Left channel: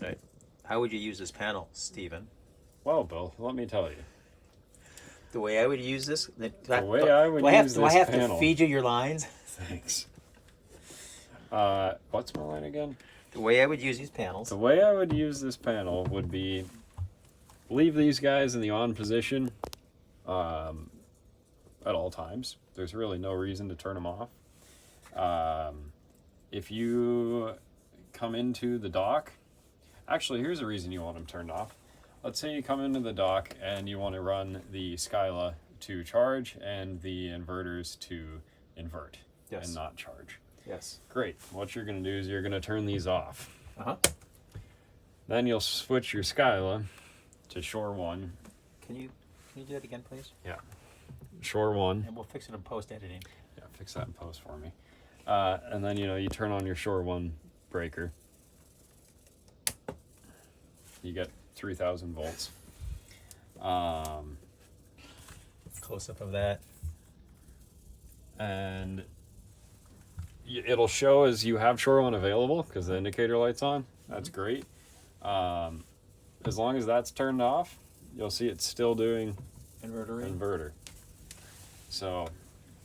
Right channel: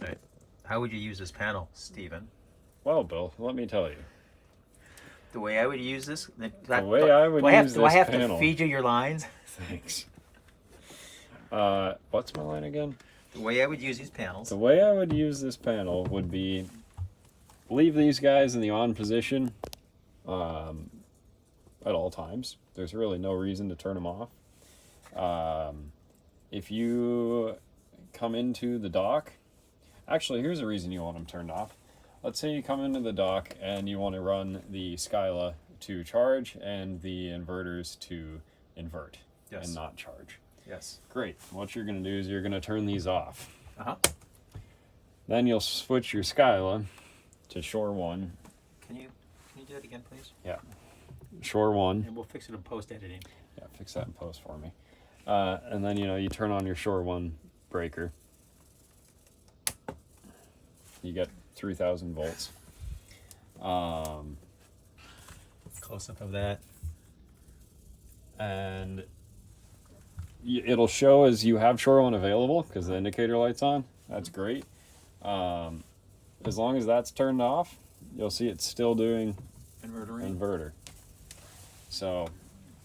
Right. How would you use this panel, Stephen? Well, Bill, let me tell you. The way I would use this? The way I would use do I this have panel. to feed you your lines? Thanks. What's my line again? The way I would use these panels. The way I would use this panel would be leave these guys in the on position at all times. There's really no reason to turn them off. If you come into the dock, actually, here's a reason you want them turned off. Let's say you come into the dock and you want to run the Skyla to charge and the inverters to invert and not charge. Yes. Great. What you're going to do is you're going to turn these off. Uh-huh. Then you'll switch your Skyla to shore 1. Can you do that again, please? Yeah. Shore 1. And we'll fix it in post-editing. Yeah, fix that in post for me. And then, you turn on your shore 1 breaker. You get 3,000 volts. Close-up of that. And it'll show as you have shore 1 available because the indicator light's on. That's great. As long as that's turned off, you'll see it's still doing inverter. So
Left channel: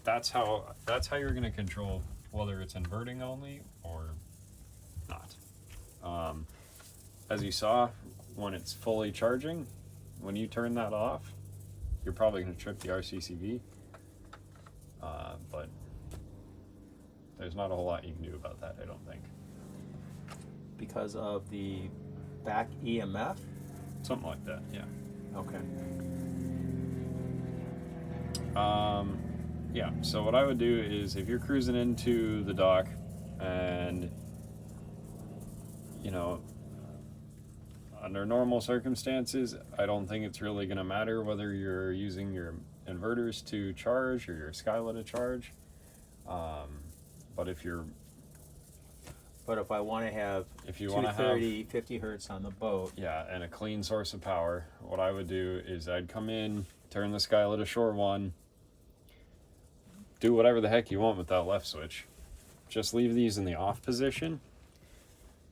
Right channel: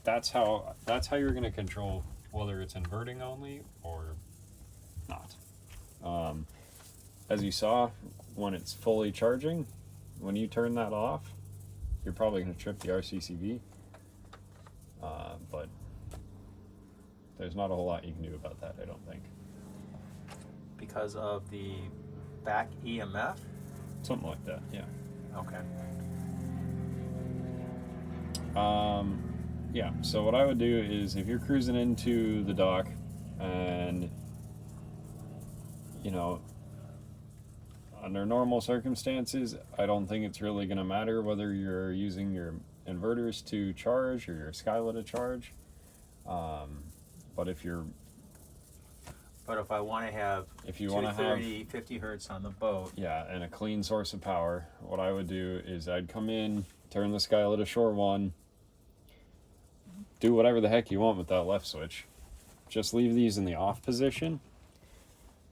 that's how you're going to control whether it's inverting only or not. As you saw, when it's fully charging, when you turn that off, you're probably going to trip the RCCV. But there's not a whole lot you can do about that, I don't think. Because of the back EMF? Something like that, yeah. Okay. Yeah, so what I would do is if you're cruising into the dock and, under normal circumstances, I don't think it's really going to matter whether you're using your inverters to charge or your Skyla to charge. But if I want to have 50 hertz on the boat. Yeah, and a clean source of power, what I would do is I'd come in, turn the Skyla to shore 1, do whatever the heck you want with that left switch. Just leave these in the off position,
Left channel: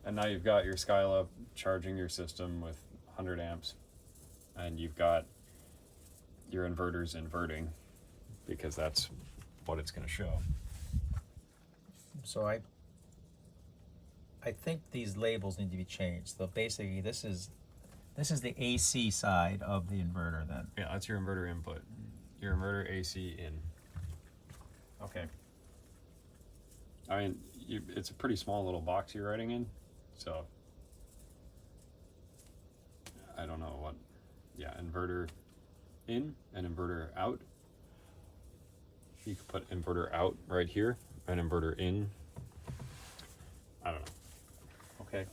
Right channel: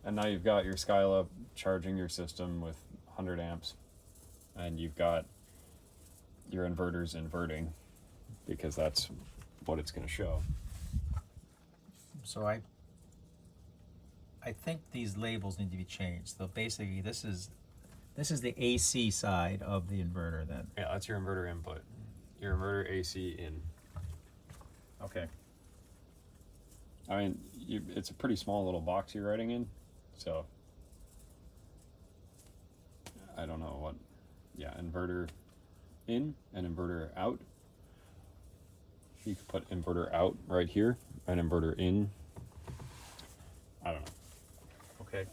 and now you've got your Skyla charging your system with 100 amps, and you've got your inverters inverting, because that's what it's going to show. So I think these labels need to be changed. So basically, this is the AC side of the inverter then. Yeah, that's your inverter input. Your inverter AC in. Okay. I mean, it's a pretty small little box you're writing in, so I don't know what. Yeah, inverter in and inverter out. You could put inverter out right here and inverter in. I don't know. Okay.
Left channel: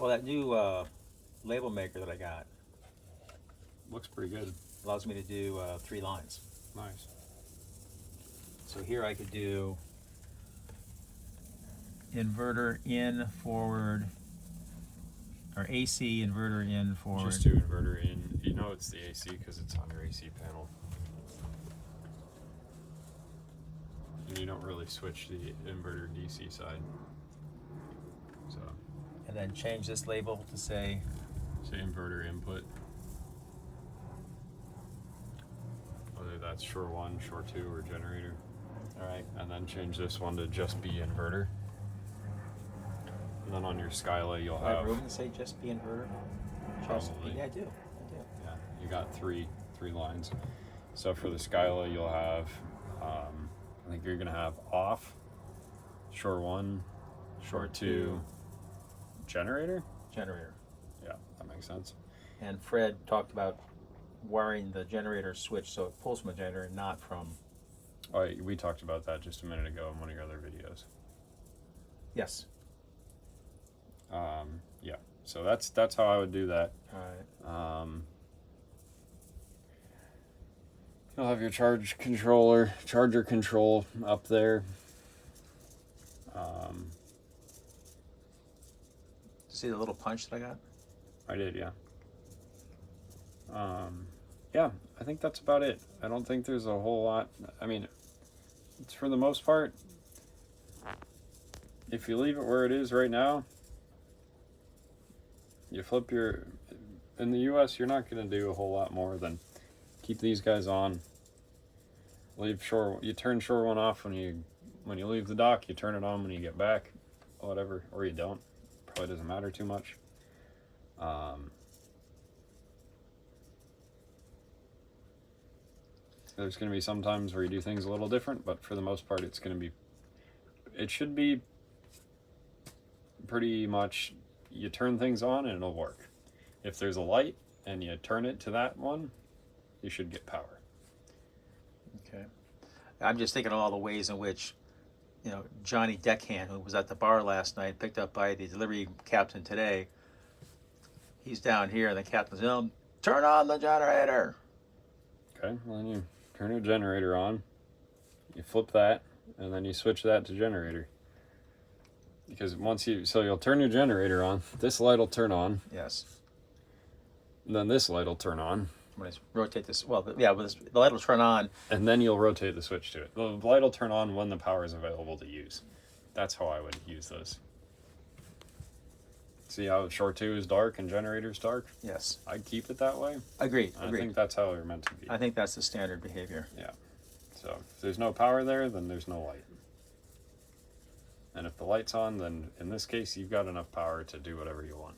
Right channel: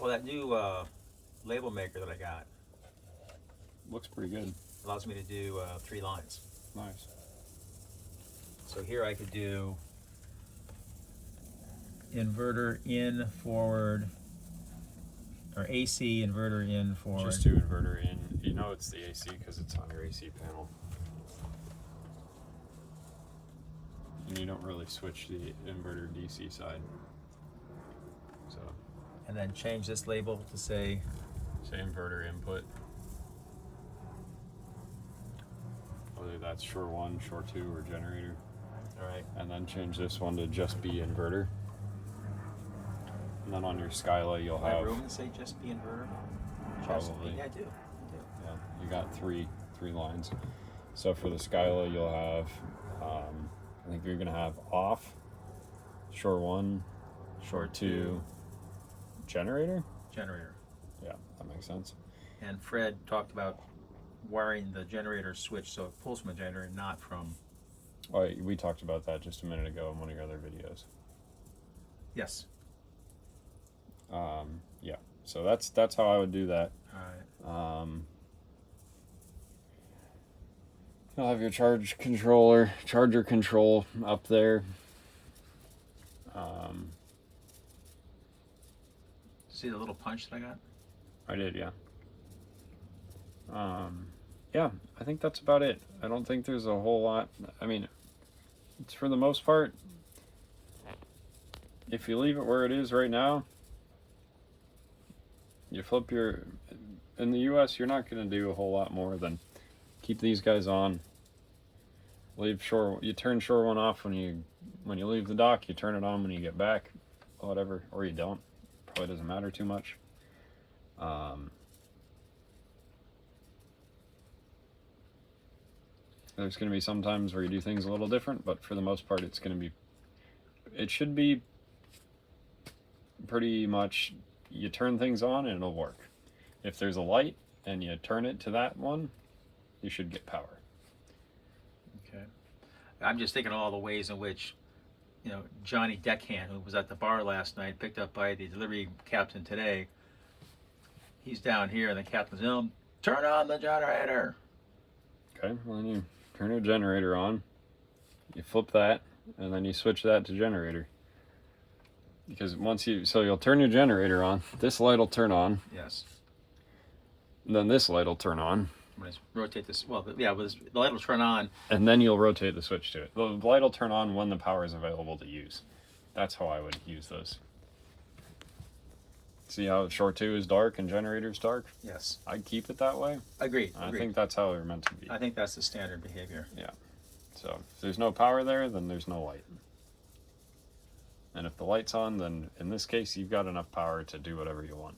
Well, that new label maker that I got looks pretty good. allows me to do 3 lines. Nice. So here I could do inverter in, forward, or AC inverter in, forward. Just do inverter in. You know it's the AC because it's on your AC panel. And you don't really switch the inverter DC side. So. And then change this label to say inverter input. Whether that's shore 1, shore 2, or generator. Alright. And then change this one to just be inverter. And then on your Skyla you'll have room to say just be inverter? Probably. Yeah, I do. Yeah, you got three lines. So for the Skyla you'll have I think you're gonna have off, shore 1, shore 2, generator? Generator. Yeah, that makes sense. And Fred talked about wiring the generator switch so it pulls from a generator, not from... Oh, we talked about that just a minute ago in one of your other videos. Yes. Yeah, so that's how I would do that. Alright. You'll have your charger control up there. See the little punch that I got? I did, yeah. Yeah, I think that's about it. I don't think there's a whole lot. I mean, it's for the most part, if you leave it where it is right now, You flip your, in the US, you're not going to do a whole lot more than keep these guys on. Leave shore, you turn shore one off when you leave the dock, you turn it on when you get back, whatever, or you don't. Probably doesn't matter too much. There's going to be some times where you do things a little different, but for the most part, it should be pretty much, you turn things on and it'll work. If there's a light and you turn it to that one, you should get power. Okay. I'm just thinking of all the ways in which, Johnny Deckhand, who was at the bar last night, picked up by the delivery captain today. He's down here, and the captain's, turn on the generator. Okay, well then you turn your generator on, you flip that, and then you switch that to generator. Because so you'll turn your generator on, this light will turn on, Yes. and then this light will turn on, When I rotate this, the light will turn on. and then you'll rotate the switch to it. The light will turn on when the power is available to use. That's how I would use those. See how shore 2 is dark and generator's dark? Yes. I'd keep it that way. Agreed. I think that's how they're meant to be. I think that's the standard behavior. So if there's no power there, then there's no light. And if the light's on, then in this case, you've got enough power to do whatever you want.